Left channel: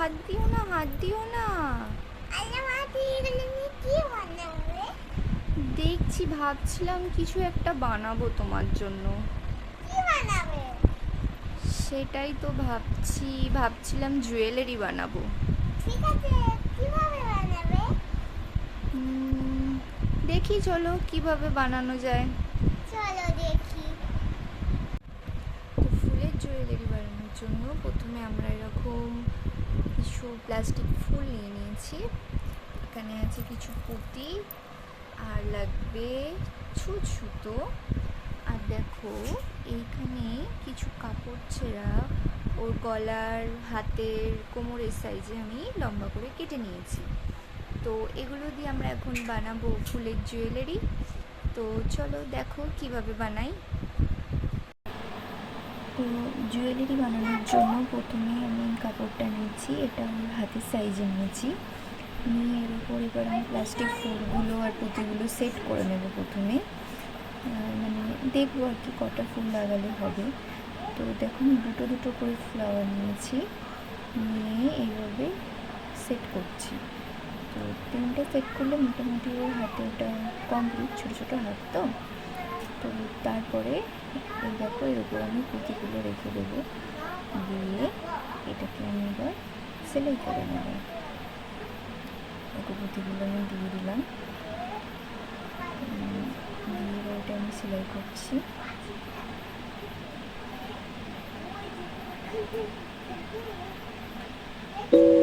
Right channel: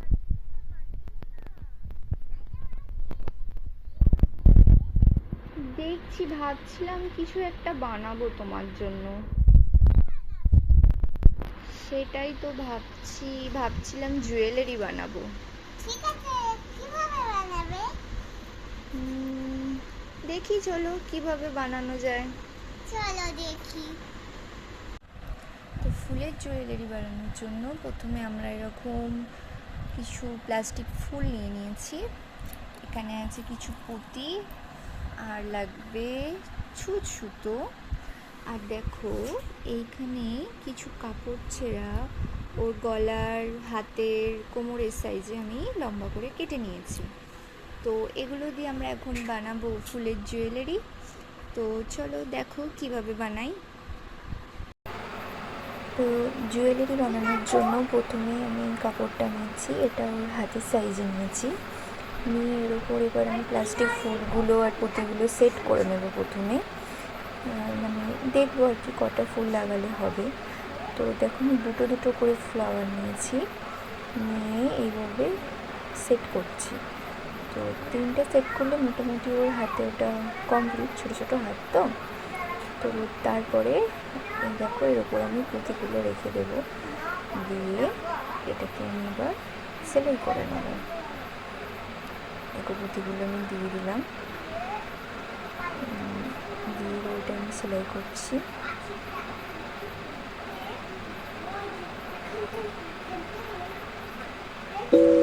হাত দিও না হাত দিও না। দেখছি ভাবছিলাম কিছু একটা বানাবো তোমার জন্য। সেটাই তো ভাবছি ভাবছিলাম জুয়েলারি বানাবো। ঠিক আছে কীভাবে বানাবে? দেখি চলো কীভাবে বানানো যায়। চলো দেখি। তো ফুলের জুয়েলারি বানানোর জন্য প্রথমে আমরা এরকম কিছু প্লাস্টিক ফুল নিয়ে নিয়েছি। এখানে আছে কিছু পুঁতি, আর লাগবে ছু সুতো আর দেখো, এইখানে কিছু কাপড় ছেঁড়া ওর গলার হাতের কোমরের সাইজে আমি লম্বা করে কেটে নিয়েছি। তো এগুলো দিয়ে আমরা এখন বানাবো ফুলের জুয়েলারি তো চলো দেখো কীভাবে বানাই। তো জুয়েলারি বানানোর জন্য প্রথমে আমি কাপড়টা নিয়েছি, এটা ওর হাতের সাইজে নিয়েছি। নিয়ে এর উপর এবার আমি প্লাস্টিক ফুলগুলো আর পুঁতিগুলো সেট করে নেব প্রথমে। মানে দেখব আর কি কটা ফুল লাগালে হবে। তো দেখুন, দুটো দুটো করে ফ্লাওয়ার নিয়েছি। নিয়ে এইভাবে সেট করছি। তো তিনটে সেট করলে মোটামুটি ওর হাতে ওটা কমপ্লিট ছোটো ছোটো হাত তো? তো তারপরে দেখো এর উপর আমি পুঁতিগুলো রেখে দেবো। দিয়ে এটাকে আমি এবার সেলাই করে নেব। দেখো পুঁতিগুলো আমি দিয়ে দিলাম। দিয়ে এবার এটা আমি সেলাই করছি। It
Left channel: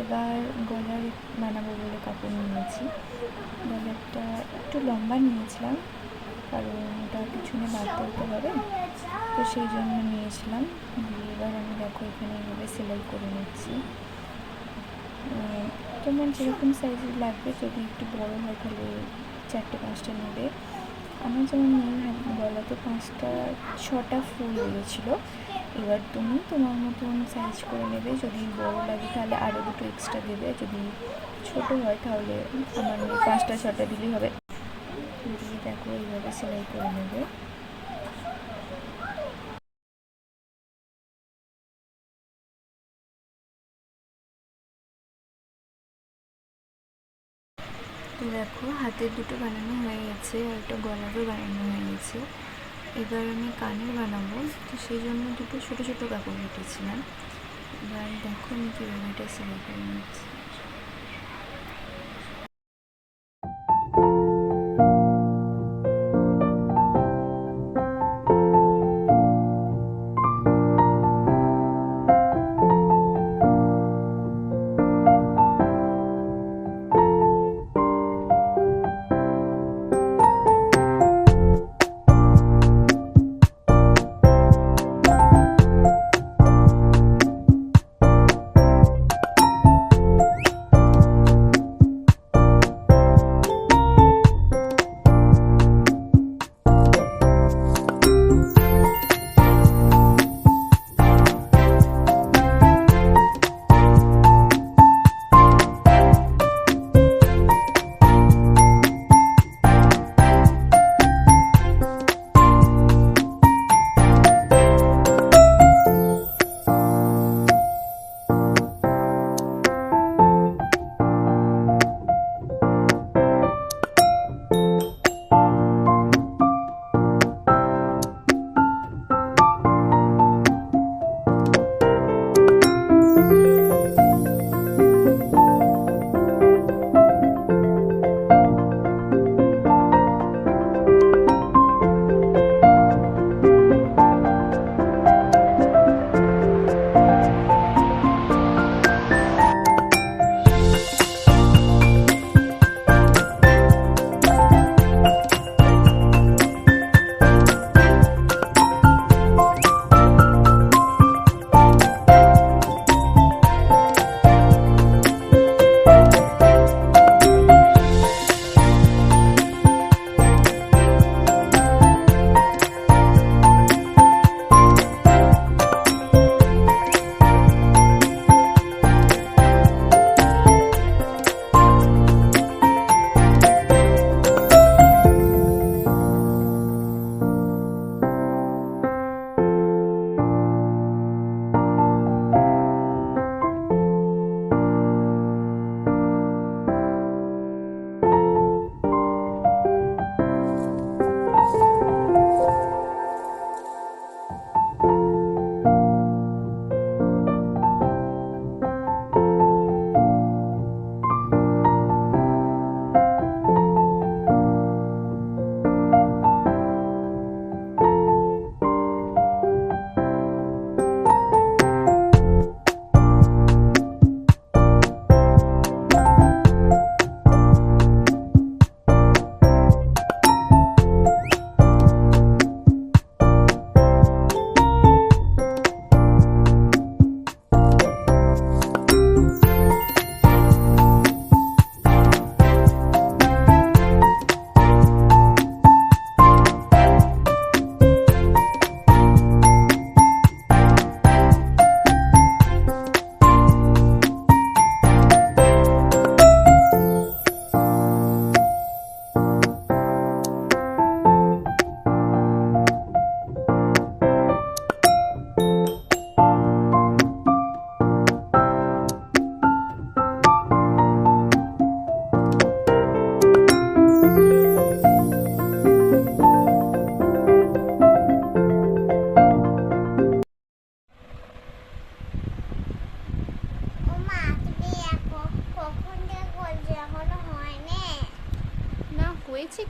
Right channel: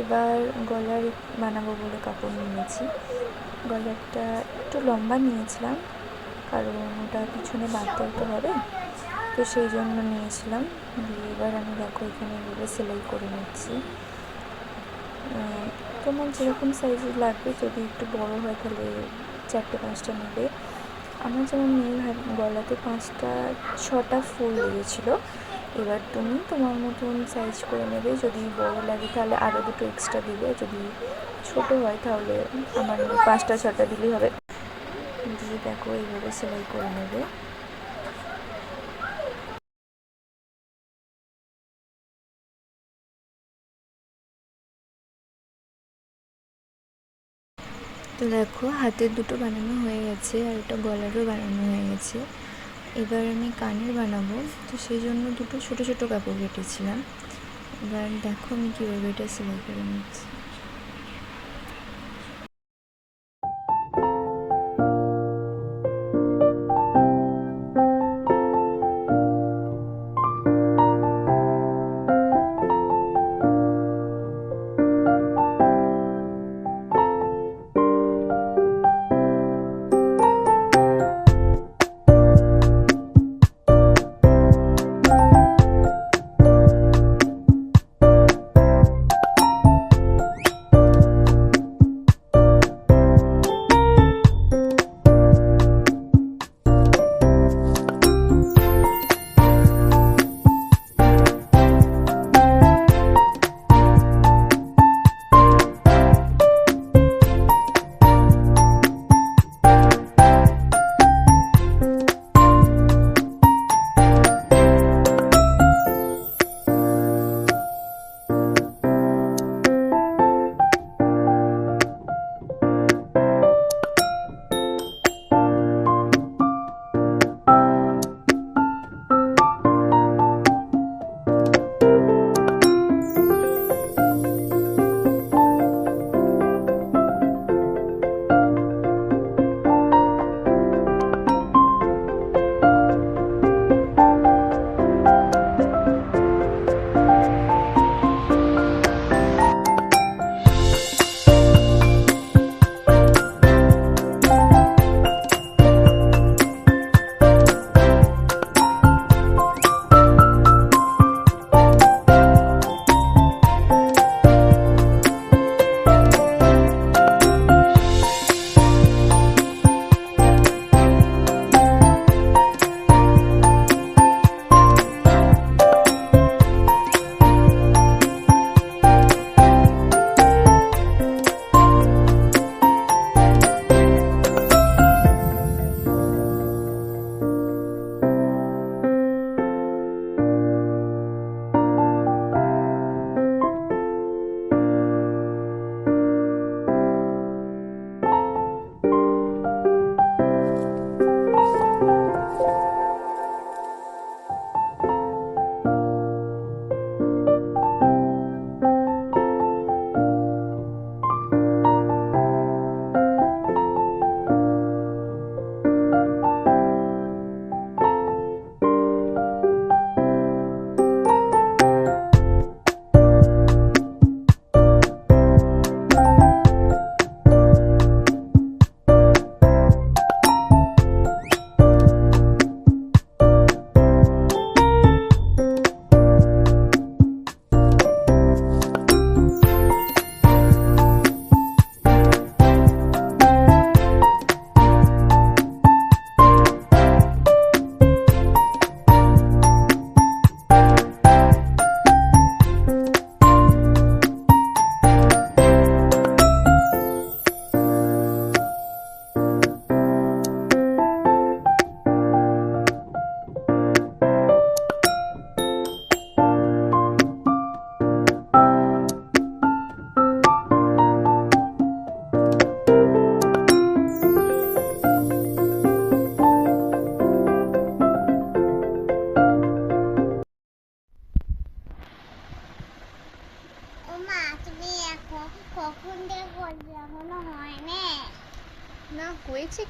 এবার গলার বানাবো বলে কাপড় নিয়েছি। গলারটা একটু লম্বা নিয়েছিলাম, কারণ ওটা পিছনে বাঁধতে হতে হবে। তো সেই জন্য নিয়েছিলাম। দিয়ে এবার আমি দেখো এখানে এভাবে সেলাই করে নিচ্ছি। তোমার যেরকম সাইজের লাগবে, যদি একটু বড় হয় তাহলে চারটে, পাঁচটা নেবে। আমার যেমন মেয়ের গলাতে পাঁচটা, ছটা ফুল লেগেছিলো। এবার তুমি তোমার মতন সাইজ করে নেবে। যদি বড় লাগে তাহলে আরও দুটো এক্সট্রা দেবে। যদি ছোট হয় তাহলে আমার পাঁচটা ছটা দিলেই হবে। দিয়ে দেখো এইভাবে সেলাই করে নেবে। দেখো হাতের দুটো বানানো হয়ে গেছে আর একটা গলারও বানানো হয়ে গেছে। এবার আমি কানের বানাবো। তো সেই জন্য দুটো ছোটো ছোটো কাপড় কেটেছিলাম। এবার দেখো আমি কীভাবে এটা সেলাই করে নিচ্ছি।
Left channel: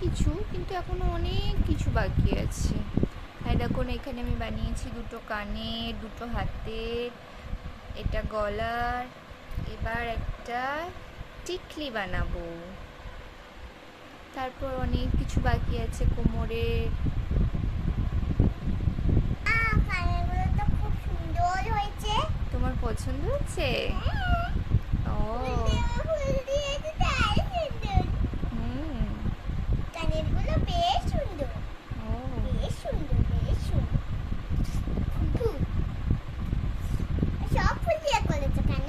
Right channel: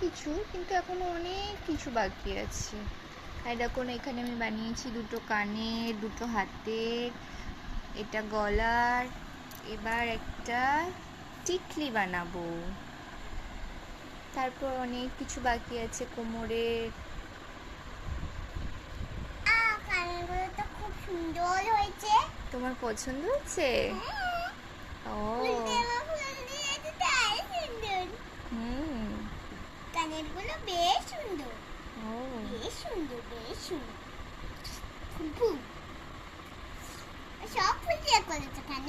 কিছু কিন্তু এখনও অনেক কিছু বাকি আছে। আর দেখুন এখানে আমি বানিয়েছি দুটো কানের দুটো হাতের এটা গলার এবার একটা টিকলি বানাবো। তারপর অনেক কিছু বাকি আছে কোমরের। তোমার পছন্দ হচ্ছে হ্যাঁ, ও ফুল দেওয়া ফুল দিয়েছে তাই সুন্দর হুম কানেরগুলো বেশ সুন্দর ও বেশ সুন্দর বেশ সুন্দর ফুল সব ফুল দিয়ে করেছ কেন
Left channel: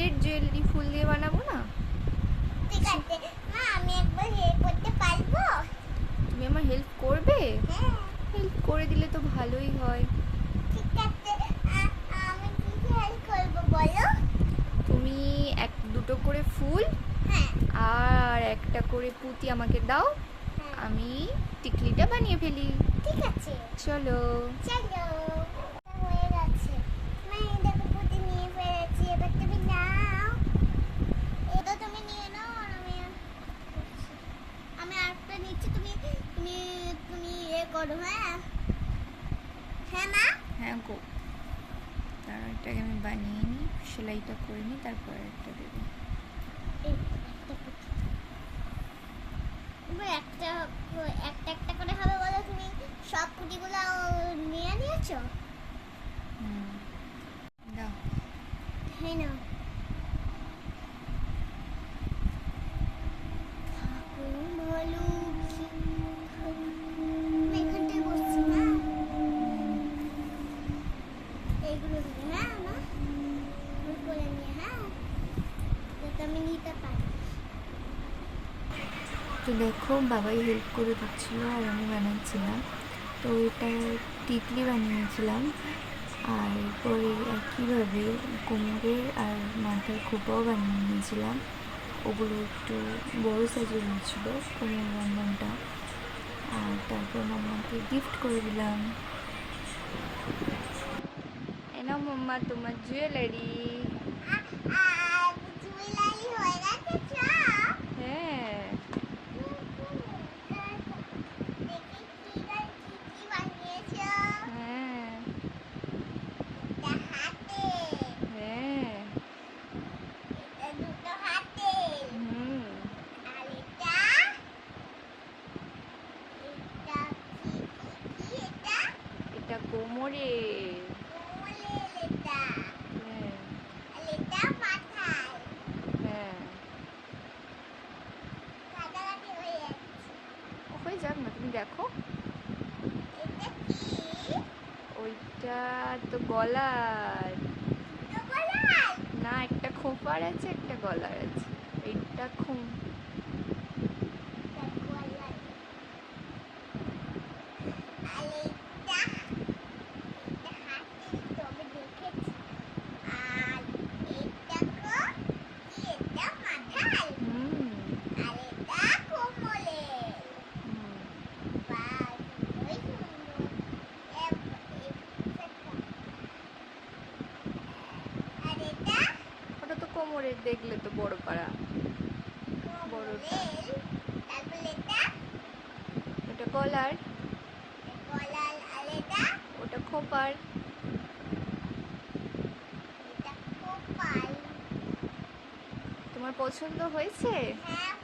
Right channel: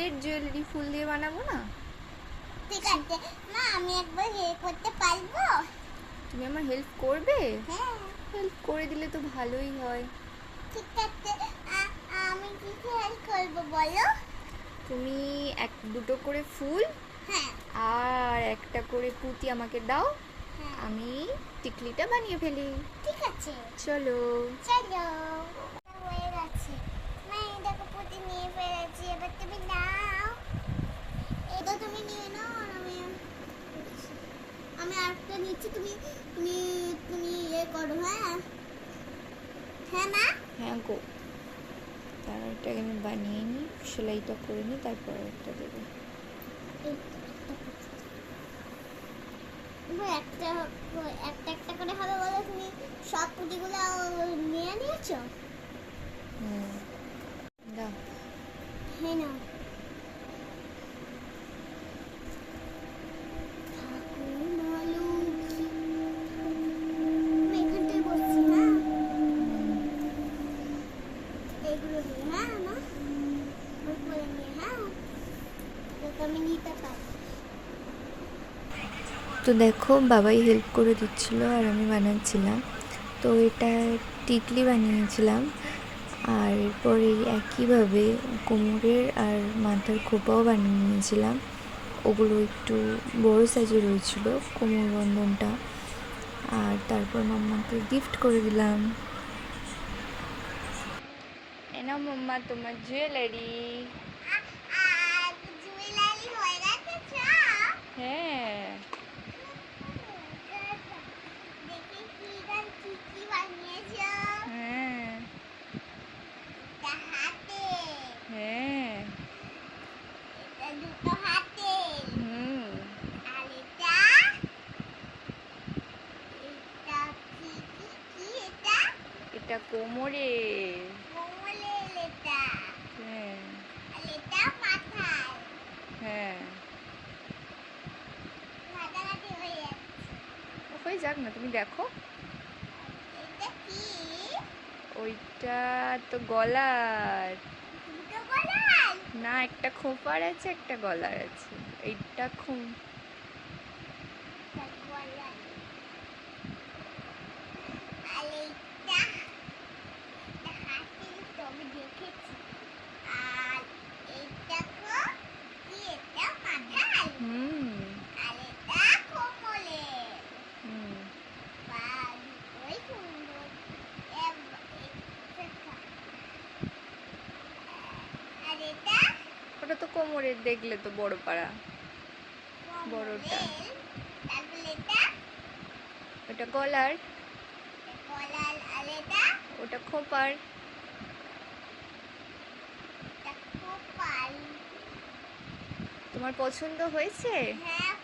ফুলের জুয়েলারি ফুল দিয়ে বানাবো না? ঠিক আছে। মা আমি একবার এ করতে পারব? তুমি আমার হেল্প করবে? হ্যাঁ। হেল্প করে দিলে তো ভালোই হয়। ঠিক আছে। আমি কি হেল্প করব বলো? তুমি এক দুটো করে ফুল হ্যাঁ। আর একটা করে পুঁতি আমাকে দাও। হ্যাঁ। আমি টিকলিটা বানিয়ে ফেলি। ঠিক আছে। চলো। চলো হয়ে গেছে মা এই দেখো পুঁতি নিয়ে ফেলেছি এবার তুমি নাও এটা তুমি নিয়ে নাও আর আমি আমি নিচ্ছি তুমি তুমি তুমি এ করো হ্যাঁ? হ্যাঁ মা? হ্যাঁ গো তার এটাকে আমি বানিয়ে নিই সেলাইটা করে নিই তারপর একটা দেবো। একটা একটা একটা করে হবে বলে তুমি সব পুঁতিগুলো নিয়ে নিয়েছো? হুম দাও। হ্যাঁ না ভালো এখানটায় বসছি না এগুলো নিয়ে হ্যাঁ না উপরে নিয়ে হ্যাঁ যাতে আমি নিতে পারি তো দেখো বাবাই হেল্প করে দিচ্ছিল আর আমি বানাচ্ছিলাম। তো এটা টিকলি বানিয়েছিলাম। আর এরপর এই একইভাবে কোমরের আর মাথার খোপাও বানিয়ে নিয়েছিলাম। ওগুলো একটু বড় সাইজের হয়েছিল কোমর বন্ধনটা আর তারপর মাম্মাকে গিফট করে দিলাম। এনা মাম্মা তোমার জুয়েলারি হয়ে গেছে চা হ্যাঁ দেখি কি আর কি কি বানিয়েছো হ্যাঁ এটা হাতে হ্যাঁ এটা দুটো হাতে হুম আর এটা এটা কি কি কি এটা এটা কোমরে। হ্যাঁ। হ্যাঁ। হয়ে যাক না তুমি দেখো। ওইটা তো গলার। না একটা খোপার আছে একটা গলার আছে। এইটা খুব এটা গলায় আর এটা এটা হাতে তবে দেখেছি আর এটা কো কি এটা মাথায় হুম আর এটা কোমরে হুম বাহ ওই সুন্দর এব- এটা আর এটা ওটা তো কোমরের দেখলে তো বড় পাড়া। বড়টা। ওটা এটা ওটা খোপার। তোমার পছন্দ হয়েছে? হ্যাঁ